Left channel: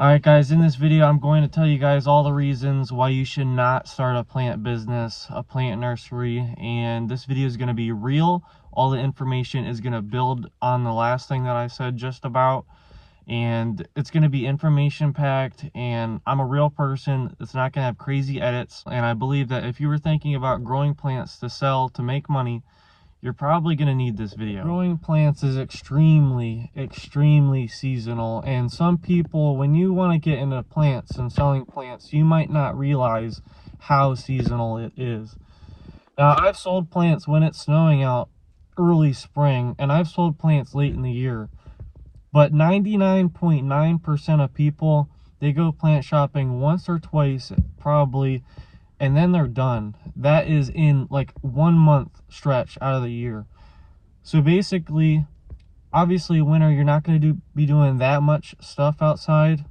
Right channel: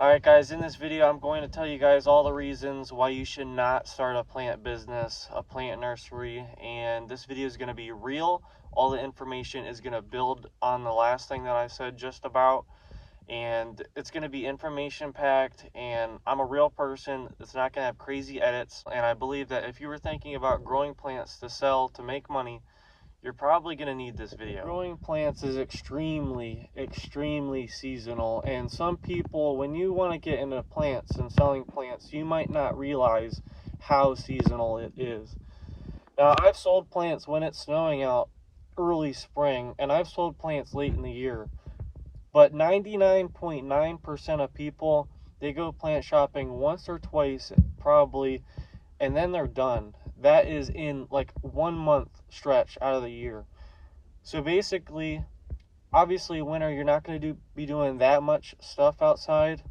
Alright guys, in this video I'm going to tell you guys all the reasons why you should not start a plant business, a plant nursery, and this video is going to be real. All the information is going to build on the last thing that I said just about, and it's going to be information packed, and I'm a real person. It's not going to have crazy edits, and I believe that if you were thinking about growing plants to sell, to make money, you're probably going to need this video. Growing plants is extremely seasonal, and some people, when you want to get into plants and selling plants, you might not realize how seasonal it is. Now, I've sold plants when it's snowing out early spring, and I've sold plants late in the year, but 99.9% of people, they go plant shopping once or twice probably, and then they're done. That is in like 1 month stretch out of the year. So basically, obviously winter, you're not going to be doing that much stuff outside,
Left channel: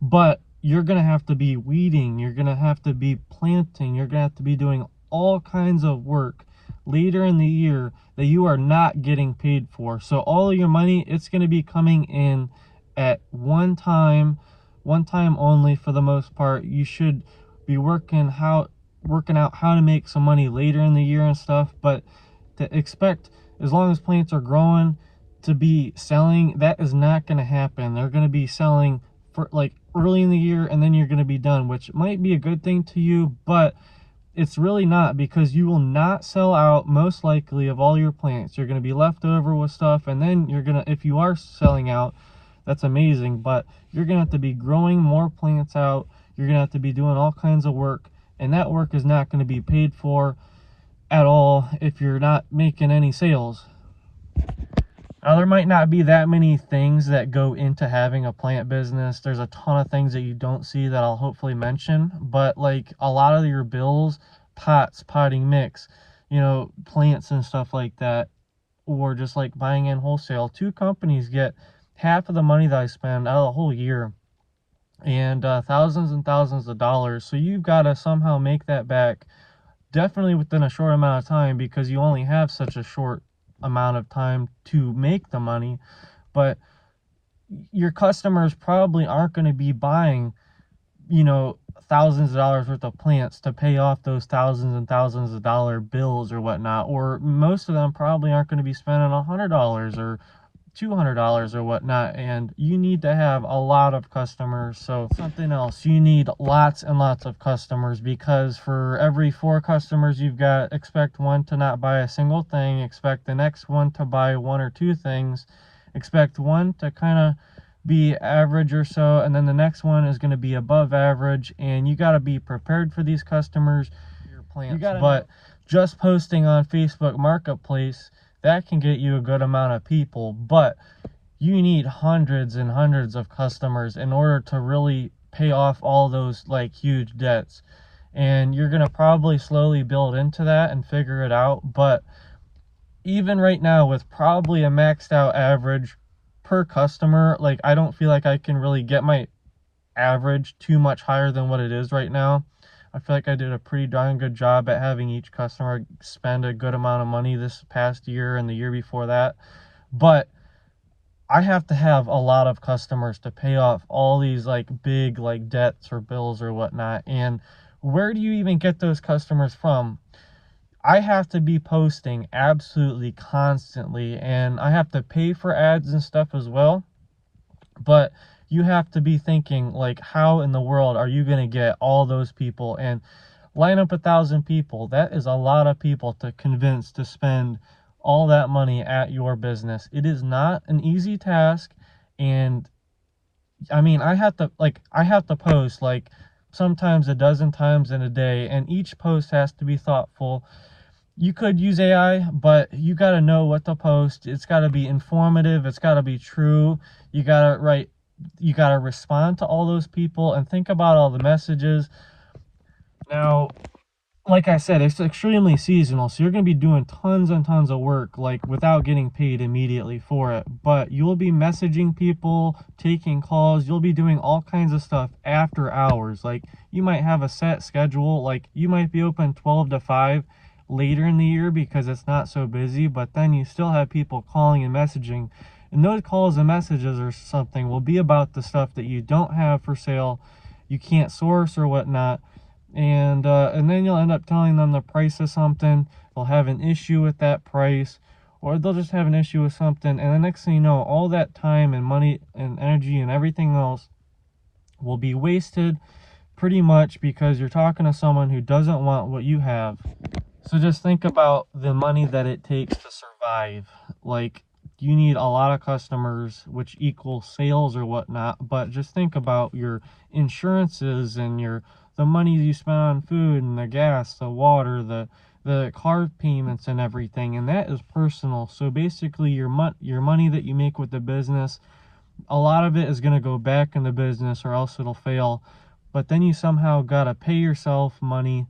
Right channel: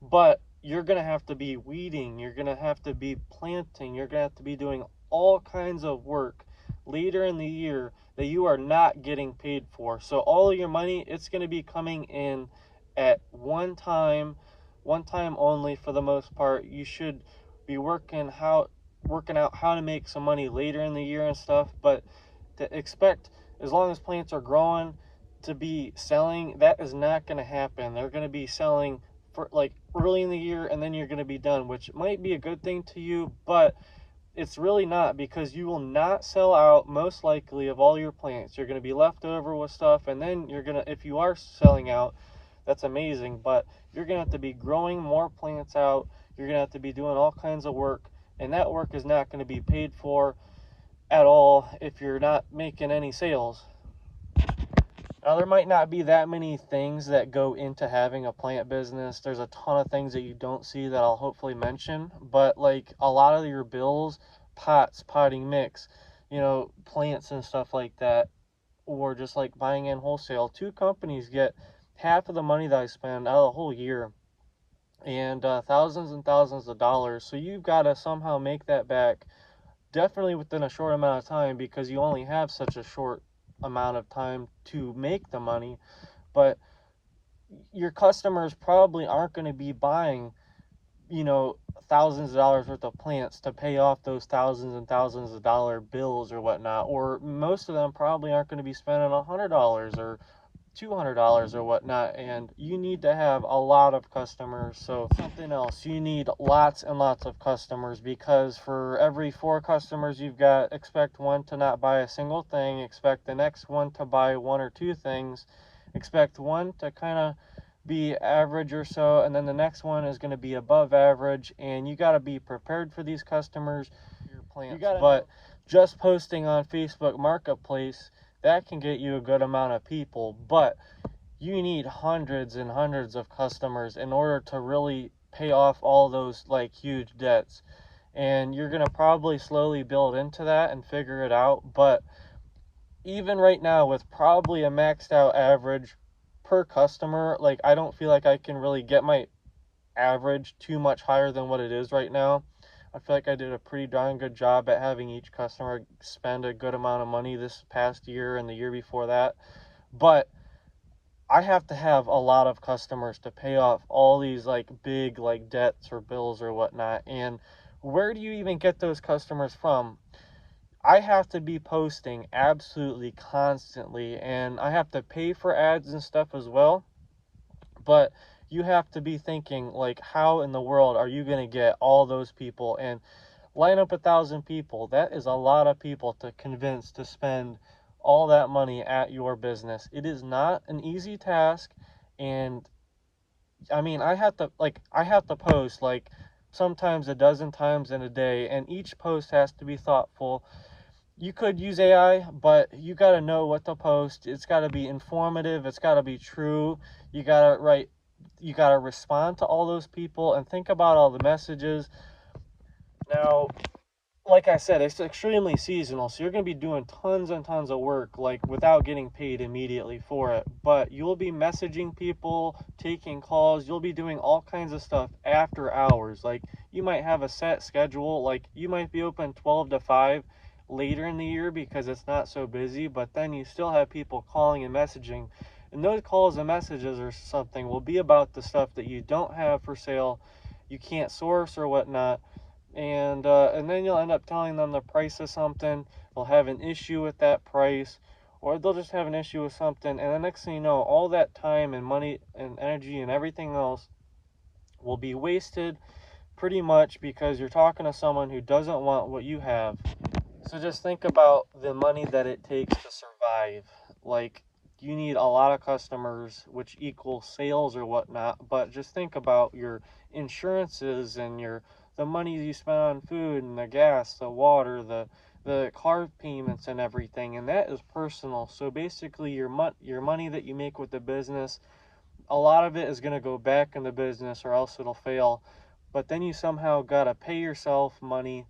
but you're going to have to be weeding, you're going to have to be planting, you're going to have to be doing all kinds of work later in the year that you are not getting paid for. So all of your money, it's going to be coming in at one time only for the most part. You should be working out how to make some money later in the year and stuff, but to expect, as long as plants are growing, to be selling, that is not going to happen. They're going to be selling for like early in the year, and then you're going to be done, which might be a good thing to you, but it's really not, because you will not sell out most likely of all your plants. You're going to be left over with stuff, and then you're going to, if you are selling out, that's amazing, but you're going to have to be growing more plants out. You're going to have to be doing all kinds of work, and that work is not going to be paid for at all if you're not making any sales. Now, there might not be that many things that go into having a plant business. There's a ton of things that you don't see that I'll hopefully mention, but like a lot of your bills, pots, potting mix, plants and stuff like that, or just like buying in wholesale. Two companies get half of the money that I spend out of the whole year, and thousands and thousands of dollars. So you've got to somehow make that back, definitely within a short amount of time, because you only have such a short amount of time to make the money. But your customers probably aren't going to be buying thousands of dollars worth of plants to pay off those thousands and thousands of dollar bills or whatnot, or most of them probably aren't going to be spending $100 or $200 or whatnot, and you need to have a lot of customers. So something else, you need lots and lots of customers, because for every 4 customers you've got, expect one to not buy a single thing, expect the next one to buy 1 or 2 things, expect one to kind of be average or so, and then the next one is going to be above average, and you got to be prepared for these customers. Your plants, but just posting on Facebook Marketplace, that can get you a good amount of people, but you need hundreds and hundreds of customers in order to really pay off all those like huge debts. And you're going to probably slowly build into that and figure it out. But even right now, with probably a maxed out average per customer, like I don't feel like I can really get my average too much higher than what it is right now. I feel like I did a pretty darn good job at having each customer spend a good amount of money this past year and the year before that. But I have to have a lot of customers to pay off all these like big like debts or bills or whatnot. And where do you even get those customers from? I have to be posting absolutely constantly, and I have to pay for ads and stuff as well. But you have to be thinking, like, how in the world are you going to get all those people and line up 1,000 people? That is a lot of people to convince to spend all that money at your business. It is not an easy task. And I mean, I have to post like sometimes a dozen times in a day, and each post has to be thoughtful. You could use AI, but you got to know what to post. It's got to be informative. It's got to be true. You got to respond to all those people and think about all the messages. Now, like I said, it's extremely seasonal, so you're going to be doing tons and tons of work like without getting paid immediately for it. But you'll be messaging people, taking calls, you'll be doing all kinds of stuff after hours. Like you might have a set schedule, like you might be open 12 to 5 later in the year because it's not so busy, but then you still have people calling and messaging And those calls and messages or something will be about the stuff that you don't have for sale, you can't source or whatnot. And then you'll end up telling them the price of something. They'll have an issue with that price, or they'll just have an issue with something. And the next thing you know, all that time and money and energy and everything else will be wasted pretty much because you're talking to someone who doesn't want what you have. So just think about the money that it takes to survive. Like, you need a lot of customers, which equals sales or whatnot, but just think about your insurances and the money you spend on food and the gas, the water, the car payments and everything, and that is personal. So basically your money that you make with the business, a lot of it is going to go back in the business or else it'll fail. But then you somehow got to pay yourself money,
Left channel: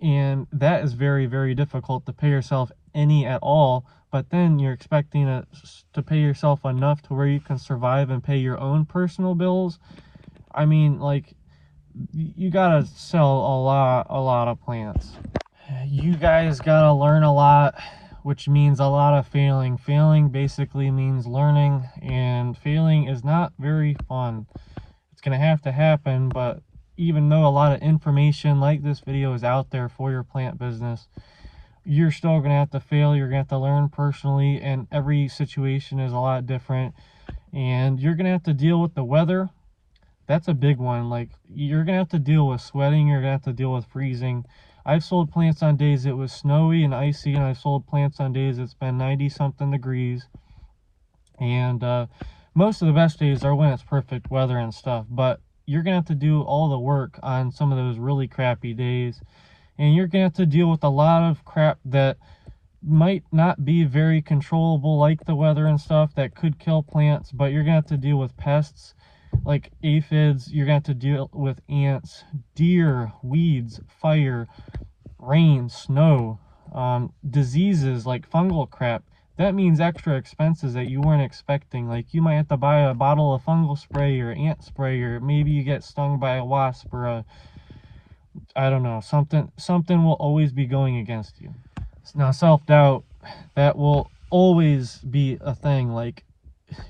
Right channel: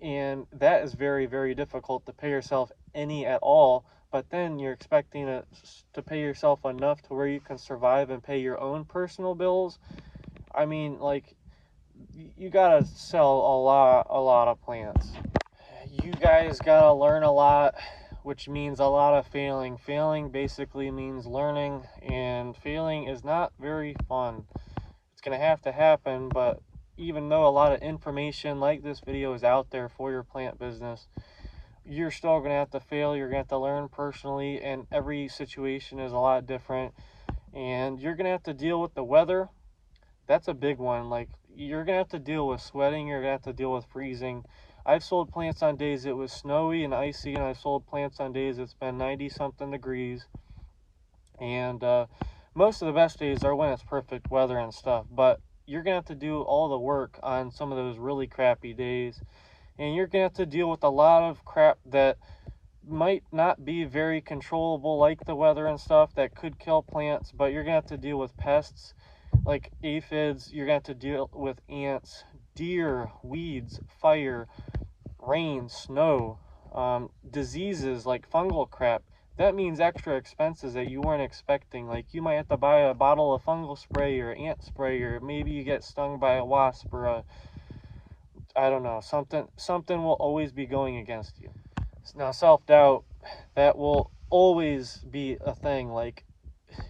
and that is very, very difficult to pay yourself any at all. But then you're expecting to pay yourself enough to where you can survive and pay your own personal bills. I mean, like, you gotta sell a lot of plants. You guys gotta learn a lot, which means a lot of failing. Failing basically means learning, and failing is not very fun. It's gonna have to happen, but even though a lot of information like this video is out there for your plant business, you're still going to have to fail. You're going to have to learn personally, and every situation is a lot different. And you're going to have to deal with the weather. That's a big one. Like, you're going to have to deal with sweating. You're going to have to deal with freezing. I've sold plants on days it was snowy and icy, and I've sold plants on days it's been 90-something degrees. And most of the best days are when it's perfect weather and stuff. But you're going to have to do all the work on some of those really crappy days. And you're going to have to deal with a lot of crap that might not be very controllable, like the weather and stuff, that could kill plants. But you're going to have to deal with pests like aphids. You're going to have to deal with ants, deer, weeds, fire, rain, snow, diseases like fungal crap. That means extra expenses that you weren't expecting. Like, you might have to buy a bottle of fungal spray or ant spray, or maybe you get stung by a wasp, or I don't know, something will always be going against you. Now, self-doubt, that will always be a thing. Like,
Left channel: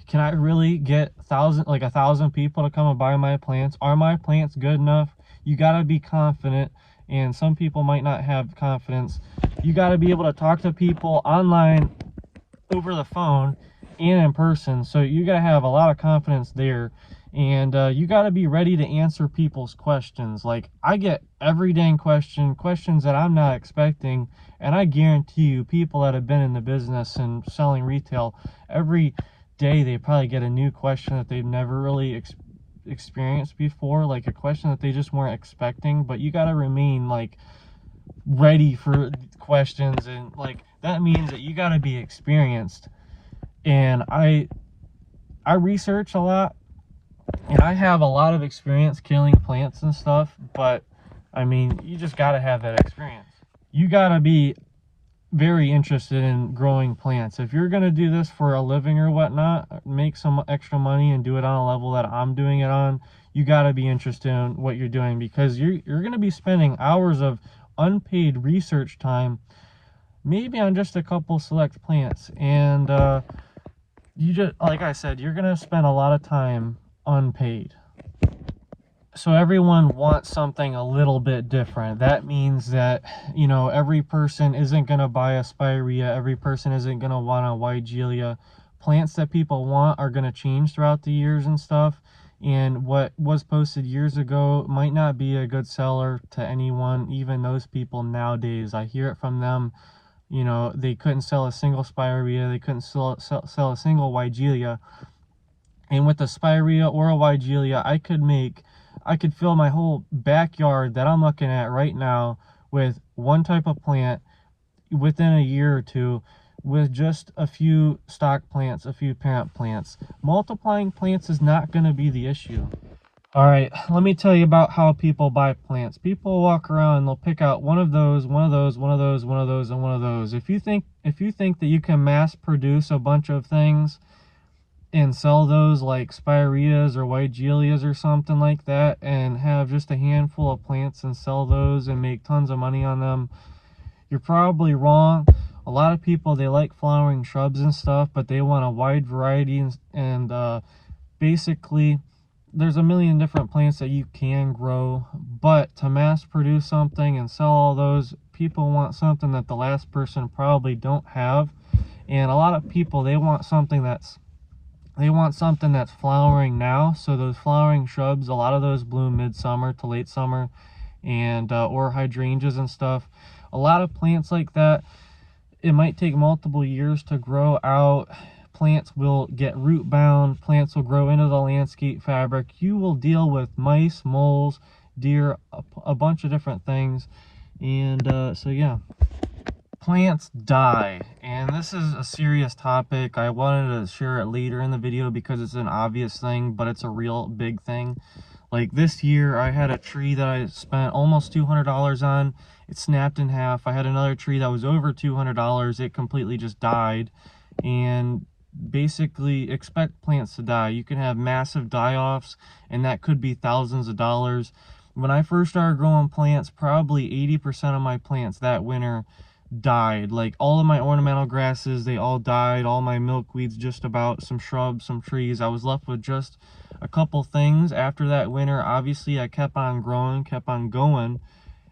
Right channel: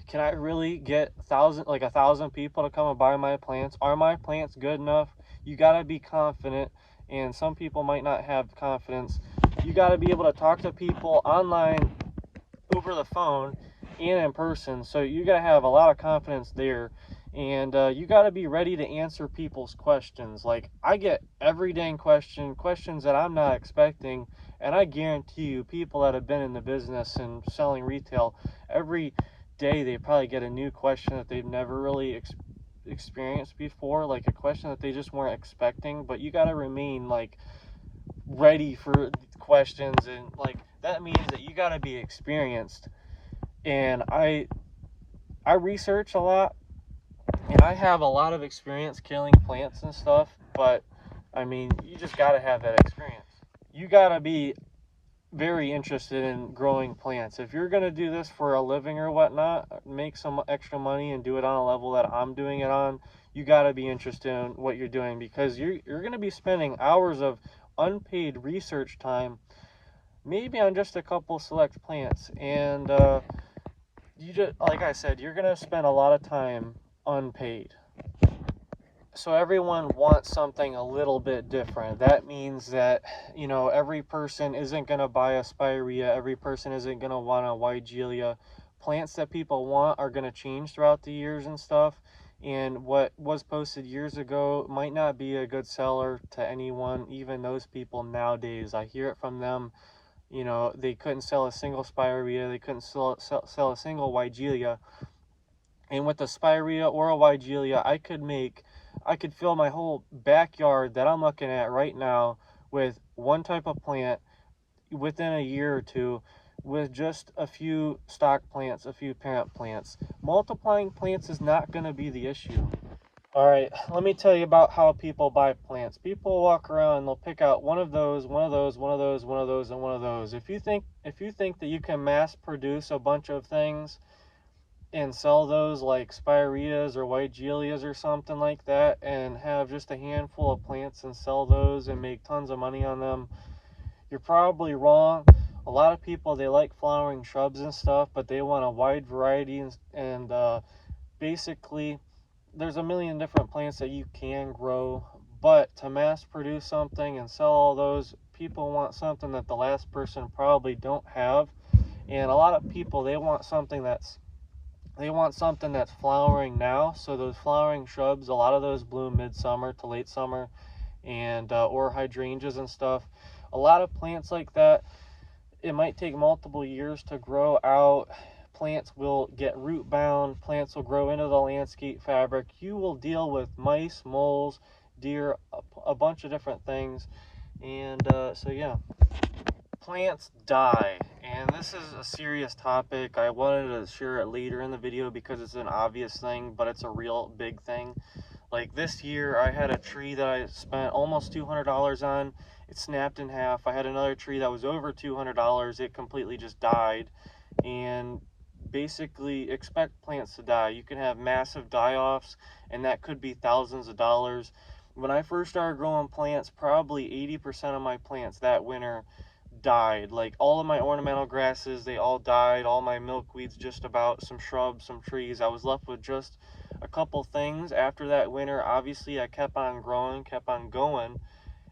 can I really get 1,000 people to come and buy my plants? Are my plants good enough? You got to be confident, and some people might not have confidence. You got to be able to talk to people online, over the phone, and in person. So you got to have a lot of confidence there. And you got to be ready to answer people's questions. Like, I get every dang questions that I'm not expecting, and I guarantee you, people that have been in the business and selling retail, every day they probably get a new question that they've never really experienced before, like a question that they just weren't expecting. But you got to remain, like, ready for questions, and like, that means that you got to be experienced. And I research a lot, and I have a lot of experience killing plants and stuff, but I mean, you just got to have that experience. You got to be very interested in growing plants. If you're going to do this for a living or whatnot, make some extra money and do it on a level that I'm doing it on, you got to be interested in what you're doing, because you're going to be spending hours of unpaid research time, maybe on just a couple select plants. And you just, like I said, you're going to spend a lot of time unpaid. So everyone wants something a little bit different. That means that, you know, every person isn't going to buy a spirea. Every person isn't going to want a Weigelia. Plants that people want are going to change throughout the years and stuff. And what was posted years ago might not be a good seller to anyone, even those people nowadays. I hear it from them. You know, they couldn't sell a single spirea. They couldn't sell a single Weigelia. And with a spirea or a Weigelia, I could fill my whole backyard that I'm looking at right now with one type of plant within a year or two, with just a few stock plants, a few parent plants. Multiplying plants is not going to be the issue. All right, let me tell you about how people buy plants. People walk around and they'll pick out one of those, one of those, one of those, one of those, and one of those. If you think that you can mass produce a bunch of things and sell those like spireas or Weigelias or something like that, and have just a handful of plants and sell those and make tons of money on them, you're probably wrong. A lot of people, they like flowering shrubs and stuff, but they want a wide variety, and basically there's a million different plants that you can grow, but to mass produce something and sell all those, people want something that the last person probably don't have. And a lot of people, they want something that's flowering now. So those flowering shrubs, a lot of those bloom midsummer to late summer, and or hydrangeas and stuff. A lot of plants like that, it might take multiple years to grow out. Plants will get root bound, plants will grow into the landscape fabric. You will deal with mice, moles, deer, a bunch of different things. And so yeah, plants die, and this is a serious topic. I wanted to share it later in the video because it's an obvious thing, but it's a real big thing. Like this year, I had a tree that I spent almost $200 on. It snapped in half. I had another tree that was over $200. It completely just died. And basically, expect plants to die. You can have massive die-offs, and that could be thousands of dollars. When I first started growing plants, probably 80% of my plants that winter died. Like all of my ornamental grasses, they all died. All my milkweeds, just about, some shrubs, some trees. I was left with just a couple things after that winter. Obviously I kept on growing, kept on going,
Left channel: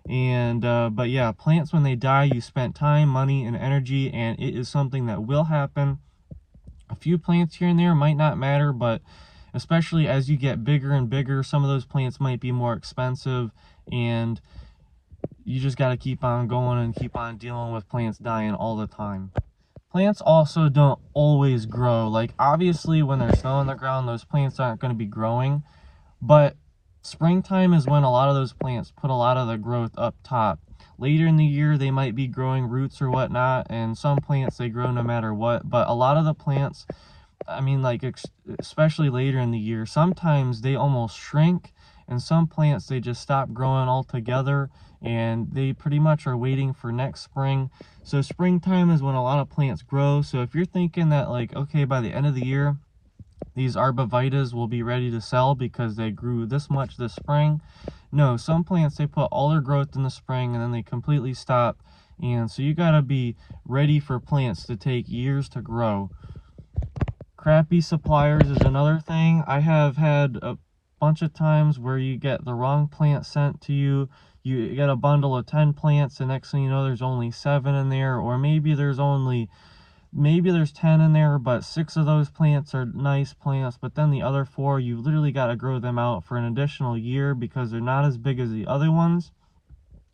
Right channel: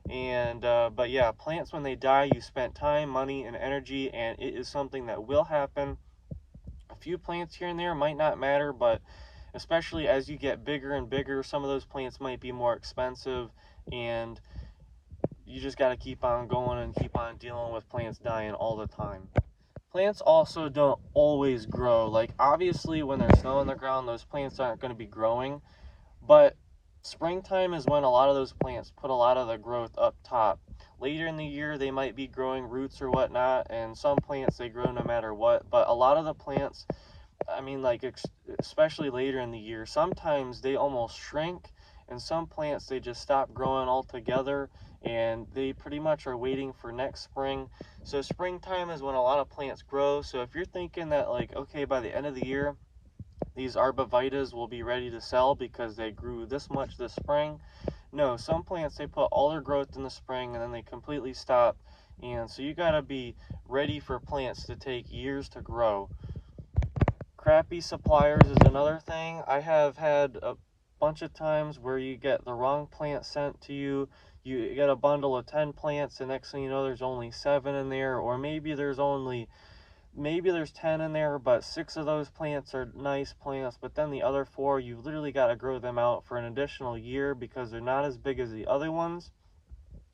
and but yeah, plants, when they die, you spent time, money, and energy, and it is something that will happen. A few plants here and there might not matter, but especially as you get bigger and bigger, some of those plants might be more expensive, and you just got to keep on going and keep on dealing with plants dying all the time. Plants also don't always grow. Like obviously when there's snow on the ground, those plants aren't going to be growing, but springtime is when a lot of those plants put a lot of the growth up top. Later in the year, they might be growing roots or whatnot, and some plants, they grow no matter what, but a lot of the plants, I mean, like especially later in the year, sometimes they almost shrink, and some plants, they just stop growing altogether, and they pretty much are waiting for next spring. So springtime is when a lot of plants grow. So if you're thinking that, like, okay, by the end of the year these arborvitaes will be ready to sell because they grew this much this spring, no, some plants, they put all their growth in the spring and then they completely stop. And so you got to be ready for plants to take years to grow. Crappy suppliers is another thing. I have had a bunch of times where you get the wrong plant sent to you. You get a bundle of 10 plants, and next thing you know, there's only 7 in there, or maybe there's 10 in there, but 6 of those plants are nice plants, but then the other 4, you literally got to grow them out for an additional year because they're not as big as the other ones.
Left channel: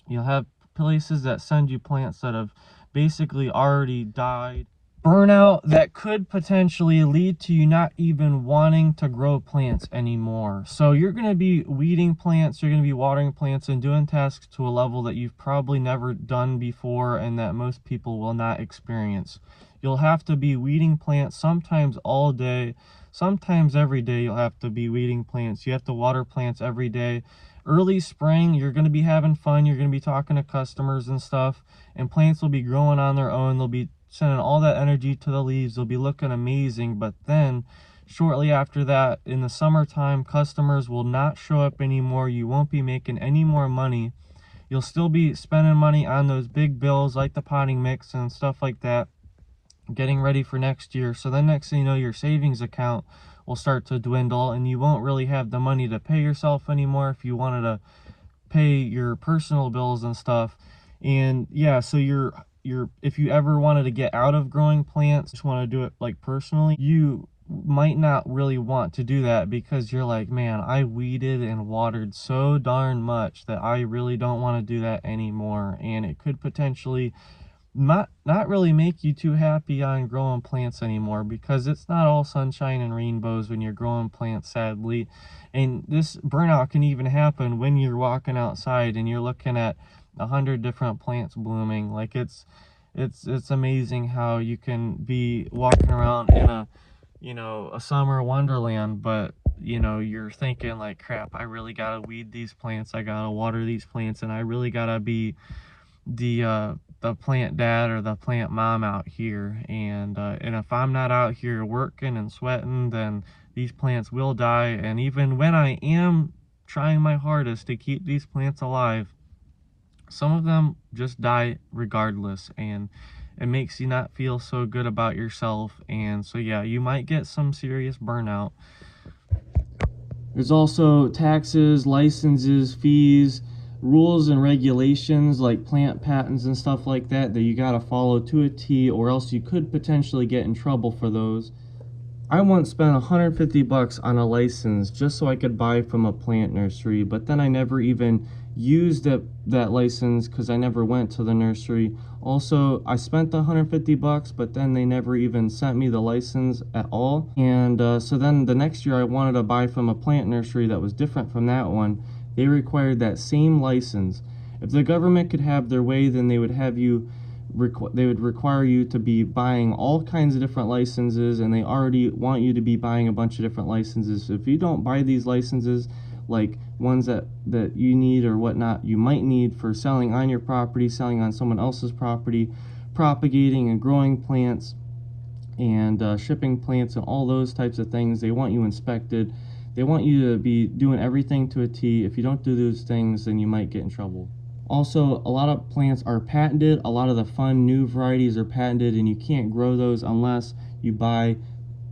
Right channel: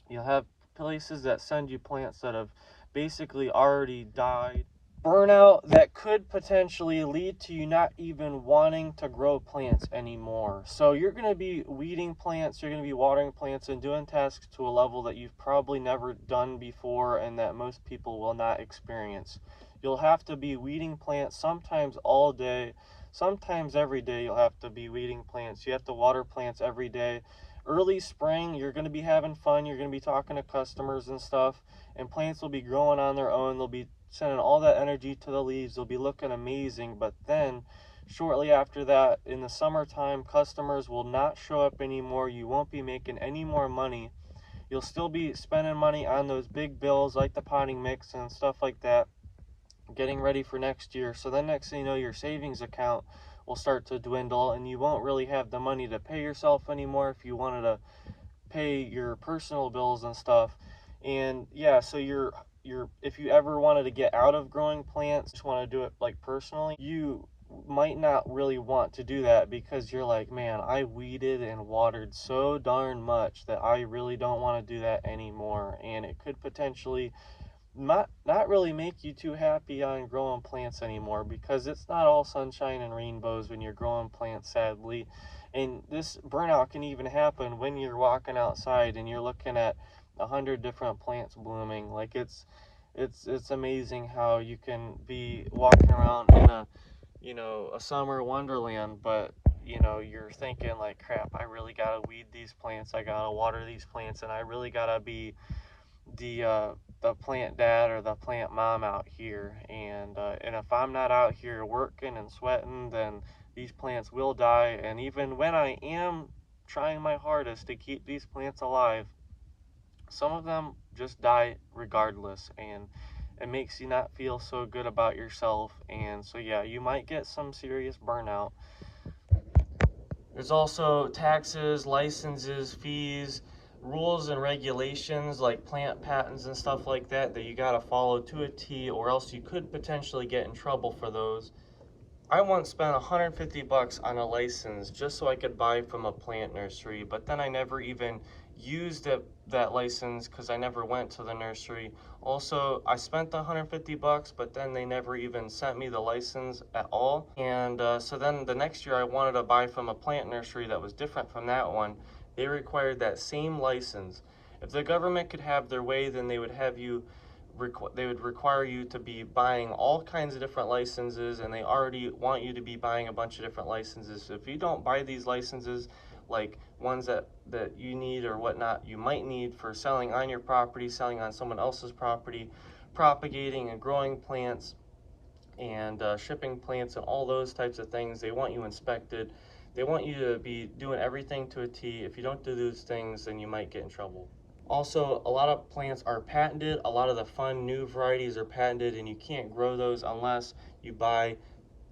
You'll have places that send you plants that have basically already died. Burnout that could potentially lead to you not even wanting to grow plants anymore. So you're going to be weeding plants, you're going to be watering plants, and doing tasks to a level that you've probably never done before and that most people will not experience. You'll have to be weeding plants sometimes all day, sometimes every day. You'll have to be weeding plants. You have to water plants every day. Early spring, you're going to be having fun, you're going to be talking to customers and stuff, and plants will be growing on their own. They'll be sending all that energy to the leaves. They'll be looking amazing. But then shortly after that, in the summertime, customers will not show up anymore. You won't be making any more money. You'll still be spending money on those big bills like the potting mix and stuff like that, getting ready for next year. So then next thing you know, your savings account will start to dwindle, and you won't really have the money to pay yourself anymore if you wanted to pay your personal bills and stuff. And yeah, so if you ever wanted to get out of growing plants, just want to do it like personally, you might not really want to do that because you're like, man, I weeded and watered so darn much that I really don't want to do that anymore. And it could potentially not really make you too happy on growing plants anymore, because it's not all sunshine and rainbows when you're growing plants, sadly. And this burnout can even happen when you're walking outside and you're looking at 100 different plants blooming. Like it's amazing how you can be walking around in a summer wonderland, but you're thinking like, crap, I really gotta weed these plants, I gotta water these plants, and I really gotta be the plant dad or the plant mom out here. And if I'm not out here working and sweating, then these plants will die. And even when I am trying my hardest to keep these plants alive, some of them just die regardless. And it makes you not feel so good about yourself. And so yeah, you might get some serious burnout. There's also taxes, licenses, fees, rules and regulations like plant patents and stuff like that you gotta follow to a T, or else you could potentially get in trouble for those. I once spent 150 bucks on a license just so I could buy from a plant nursery, but then I never even used that license because I never went to the nursery. Also, I spent the 150 bucks, but then they never even sent me the license at all. And so then the next year I wanted to buy from a plant nursery that was different from that one. They required that same license. If the government could have their way, then they would have you they would require you to be buying all kinds of different licenses, and they already want you to be buying a bunch of different licenses. So if you don't buy these licenses, like ones that you need or whatnot, you might need for selling on your property, selling on someone else's property, propagating and growing plants, and shipping plants and all those types of things, they want you inspected. They want you to be doing everything to a T. If you don't do those things, then you might get in trouble. Also, a lot of plants are patented. A lot of the fun new varieties are patented, and you can't grow those unless you buy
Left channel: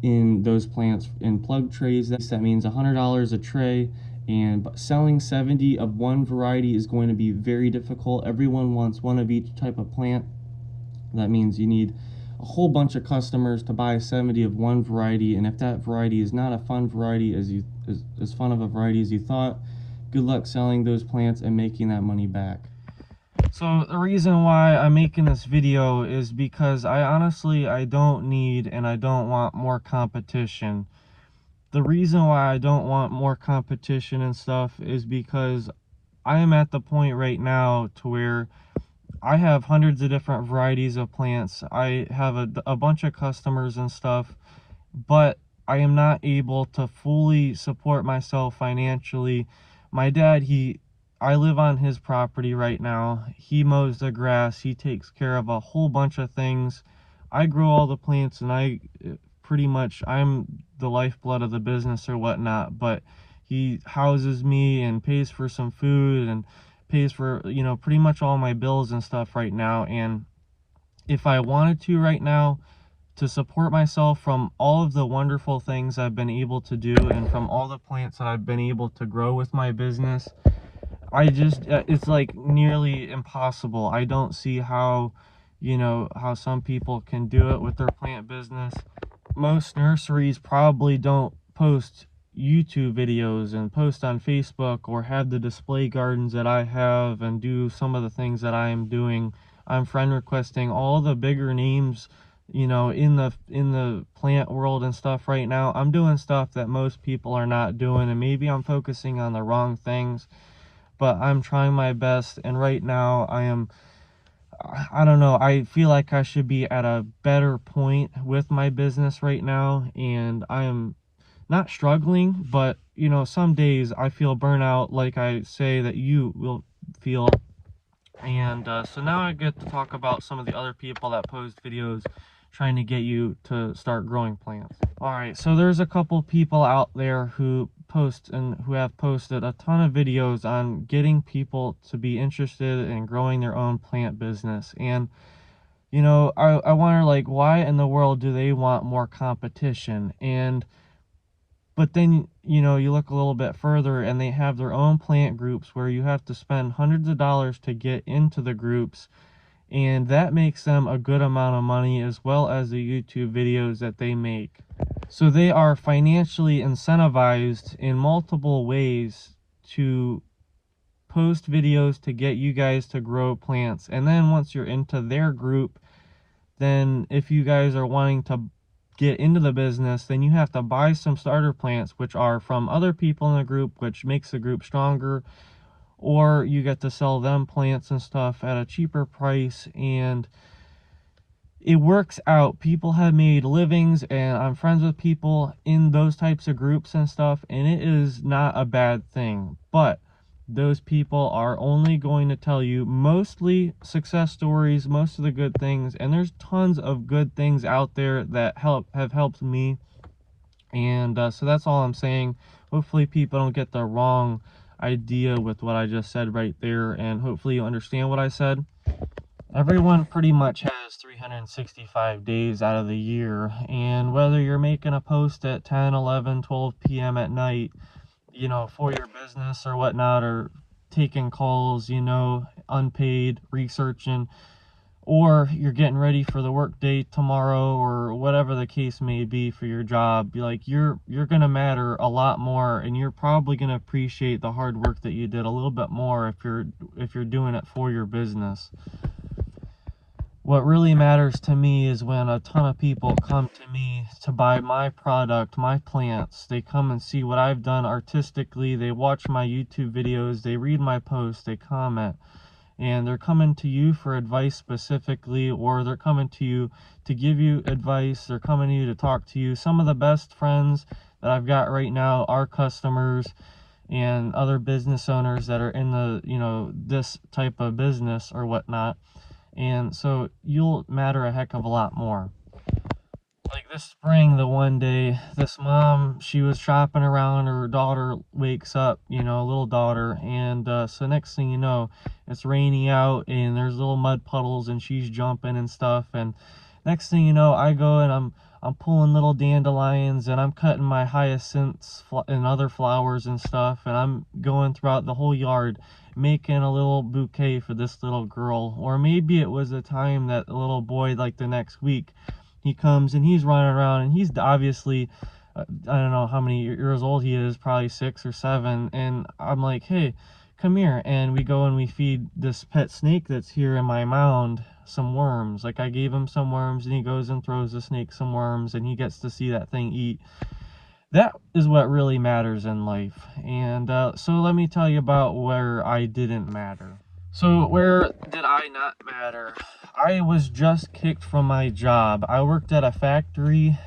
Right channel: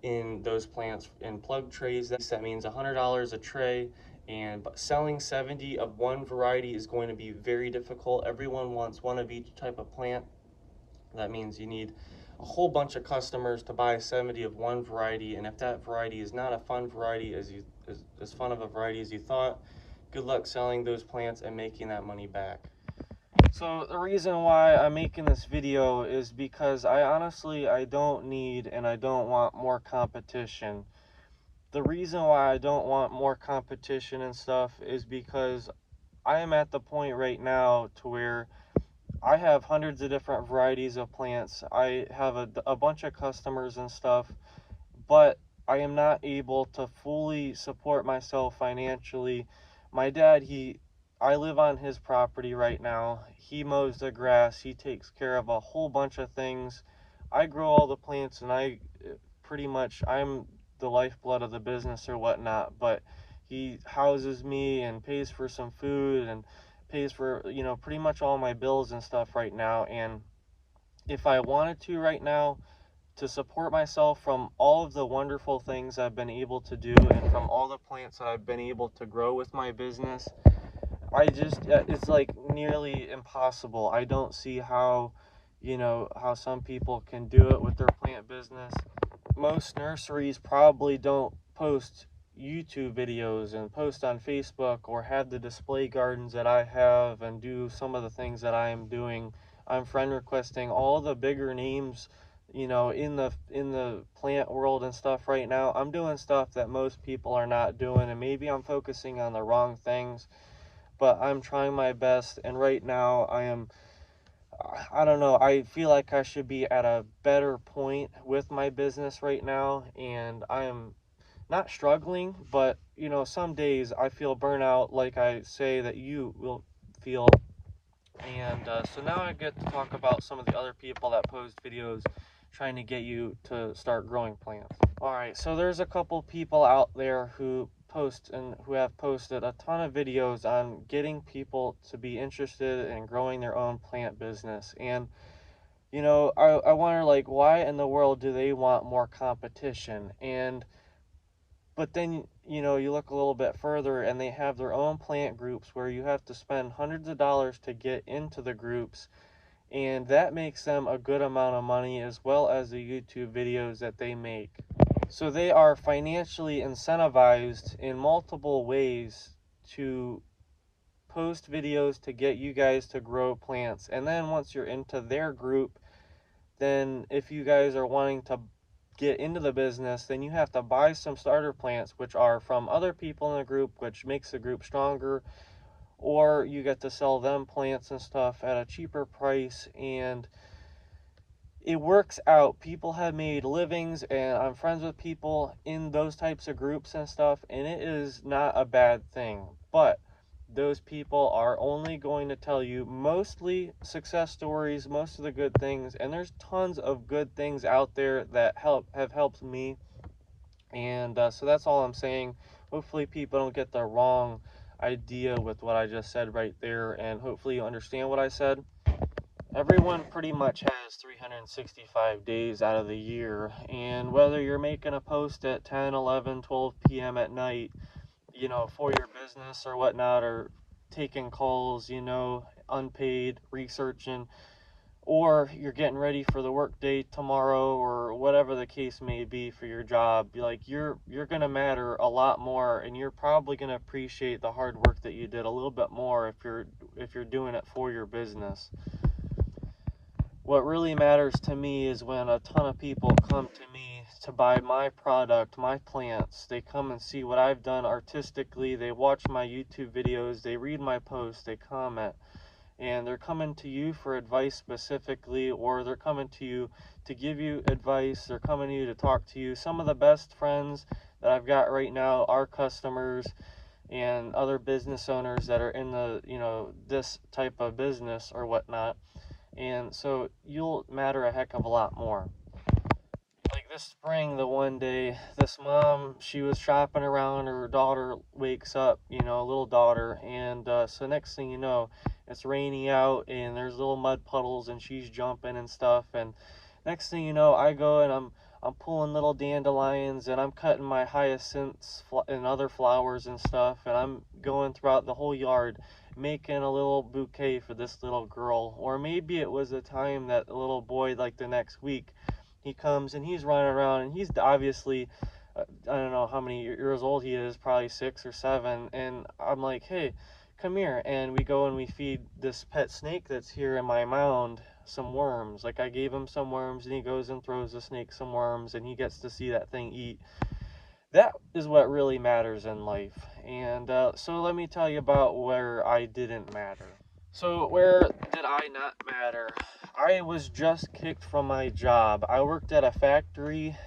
in those plants in plug trays. That means $100 a tray, and selling 70 of one variety is going to be very difficult. Everyone wants one of each type of plant. That means you need a whole bunch of customers to buy 70 of one variety, and if that variety is not a fun variety as fun of a variety as you thought, good luck selling those plants and making that money back. So the reason why I'm making this video is because I don't need and I don't want more competition. The reason why I don't want more competition and stuff is because I am at the point right now to where I have hundreds of different varieties of plants. I have a bunch of customers and stuff, but I am not able to fully support myself financially. My dad, I live on his property right now. He mows the grass. He takes care of a whole bunch of things. I grow all the plants, and I'm the lifeblood of the business or whatnot, but he houses me and pays for some food and pays for, pretty much all my bills and stuff right now. And if I wanted to right now, to support myself from all of the wonderful things I've been able to do and from all the plants that I've been able to grow with my business, it's like nearly impossible. I don't see how, how some people can do it with their plant business. Most nurseries probably don't post YouTube videos and post on Facebook or have the display gardens that I have and do some of the things that I am doing. I'm friend requesting all the bigger names, in the plant world and stuff right now. I'm doing stuff that most people are not doing, and maybe I'm focusing on the wrong things, but I'm trying my best. And right now I don't know, I feel like I should be at a better point with my business right now, and I am not struggling, but some days I feel burnout, like I say that you will feel. And so now I get to talk about some of the other people that post videos trying to get you to start growing plants. All right, so there's a couple people out there who have posted a ton of videos on getting people to be interested in growing their own plant business. And I wonder, like, why in the world do they want more competition? But then, you look a little bit further and they have their own plant groups where you have to spend hundreds of dollars to get into the groups, and that makes them a good amount of money, as well as the YouTube videos that they make. So they are financially incentivized in multiple ways to post videos to get you guys to grow plants. And then once you're into their group, then if you guys are wanting to get into the business, then you have to buy some starter plants, which are from other people in the group, which makes the group stronger, or you get to sell them plants and stuff at a cheaper price. And it works out. People have made livings, and I'm friends with people in those types of groups and stuff, and it is not a bad thing. But those people are only going to tell you mostly success stories, most of the good things, and there's tons of good things out there that have helped me. And so that's all I'm saying. Hopefully people don't get the wrong idea with what I just said right there, and hopefully you understand what I said. Everyone pretty much has 365 days out of the year. And whether you're making a post at 10, 11, 12 p.m. at night, you know, for your business or whatnot, or taking calls, you know, unpaid, researching, or you're getting ready for the work day tomorrow, or whatever the case may be for your job, like you're gonna matter a lot more, and you're probably gonna appreciate the hard work that you did a little bit more if you're doing it for your business. What really matters to me is when a ton of people come to me to buy my product, my plants. They come and see what I've done artistically, they watch my YouTube videos, they read my posts, they comment, and they're coming to you for advice specifically, or they're coming to you to give you advice, they're coming to you to talk to you. Some of the best friends that I've got right now are customers and other business owners that are in the, you know, this type of business or whatnot. And so you'll matter a heck of a lot more. Like this spring, the one day, this mom, she was shopping around, her daughter wakes up, you know, little daughter, and so next thing you know, it's rainy out and there's little mud puddles and she's jumping and stuff, and next thing you know, I go and I'm pulling little dandelions and I'm cutting my hyacinths and other flowers and stuff, and I'm going throughout the whole yard making a little bouquet for this little girl. Or maybe it was a time that a little boy, like the next week, he comes and he's running around and he's obviously I don't know how many years old he is, probably 6 or 7, and I'm like, hey, come here, and we go and we feed this pet snake that's here in my mound some worms. Like I gave him some worms, and he goes and throws the snake some worms, and he gets to see that thing eat. That is what really matters in life. And so let me tell you about where I didn't matter. So where did I not matter? I was just kicked from my job. I worked at a factory.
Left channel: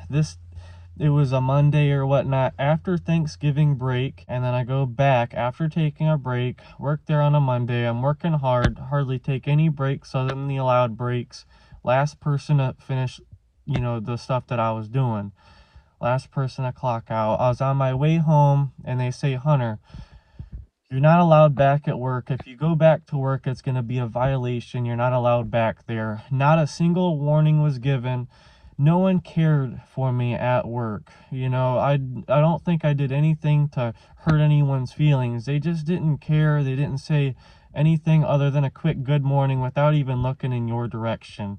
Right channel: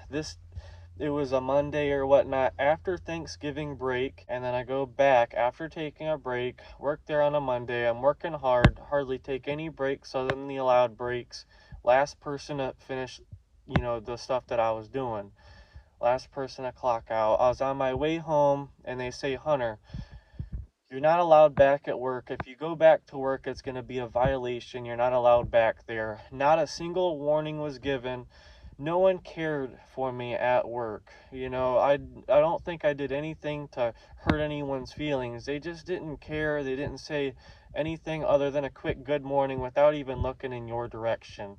It was a Monday or whatnot after Thanksgiving break, and then I go back after taking a break, work there on a Monday. I'm working hard, hardly take any breaks other than the allowed breaks. Last person to finish, you know, the stuff that I was doing. Last person to clock out. I was on my way home, and they say, Hunter, you're not allowed back at work. If you go back to work, it's going to be a violation. You're not allowed back there. Not a single warning was given. No one cared for me at work. You know, I don't think I did anything to hurt anyone's feelings. They just didn't care. They didn't say anything other than a quick good morning without even looking in your direction.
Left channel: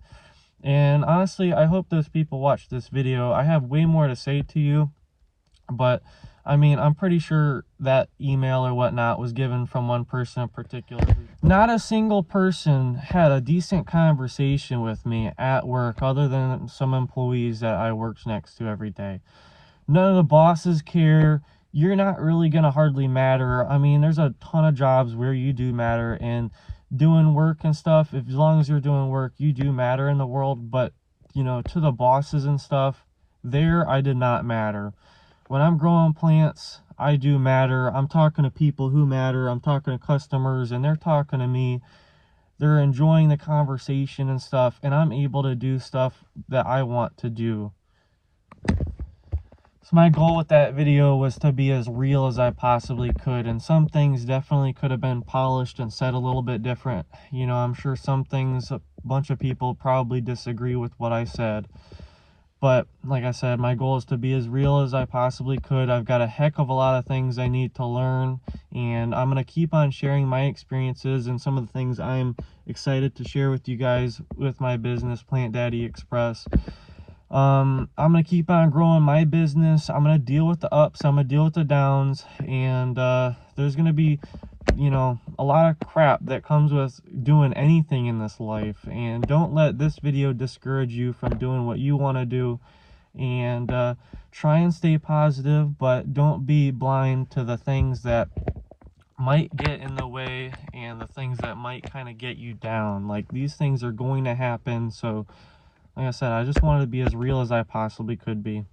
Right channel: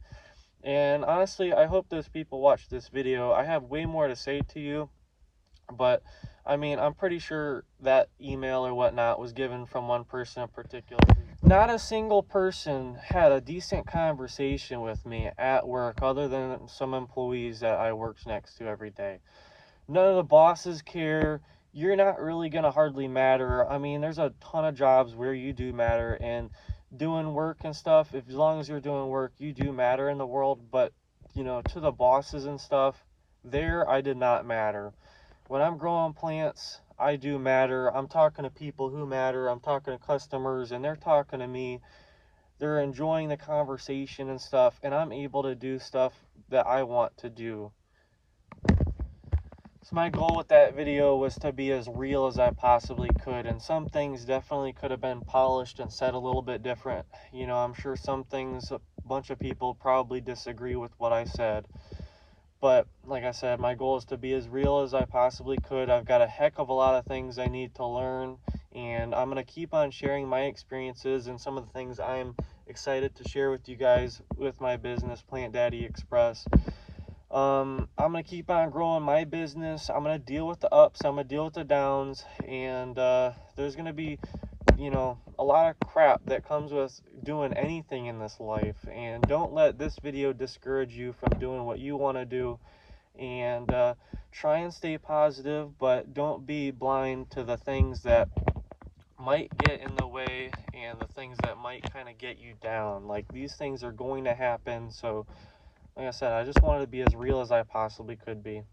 And honestly, I hope those people watch this video. I have way more to say to you, but I mean, I'm pretty sure that email or whatnot was given from one person in particular. Not a single person had a decent conversation with me at work other than some employees that I worked next to every day. None of the bosses care. You're not really going to hardly matter. I mean, there's a ton of jobs where you do matter, and doing work and stuff, as long as you're doing work, you do matter in the world. But, you know, to the bosses and stuff, there I did not matter. When I'm growing plants, I do matter. I'm talking to people who matter. I'm talking to customers, and they're talking to me. They're enjoying the conversation and stuff, and I'm able to do stuff that I want to do. So my goal with that video was to be as real as I possibly could, and some things definitely could have been polished and said a little bit different. You know, I'm sure some things, a bunch of people probably disagree with what I said. But like I said, my goal is to be as real as I possibly could. I've got a heck of a lot of things I need to learn, and I'm going to keep on sharing my experiences and some of the things I'm excited to share with you guys with my business, Plant Daddy Express. I'm going to keep on growing my business. I'm going to deal with the ups, I'm going to deal with the downs, and there's going to be, you know, a lot of crap that comes with doing anything in this life. And don't let this video discourage you from doing what you want to do. And try and stay positive, but don't be blind to the things that might get in the way and the things that might kind of get you down. Like, these things are going to happen. So like I said, I just wanted to be as real as I possibly could be.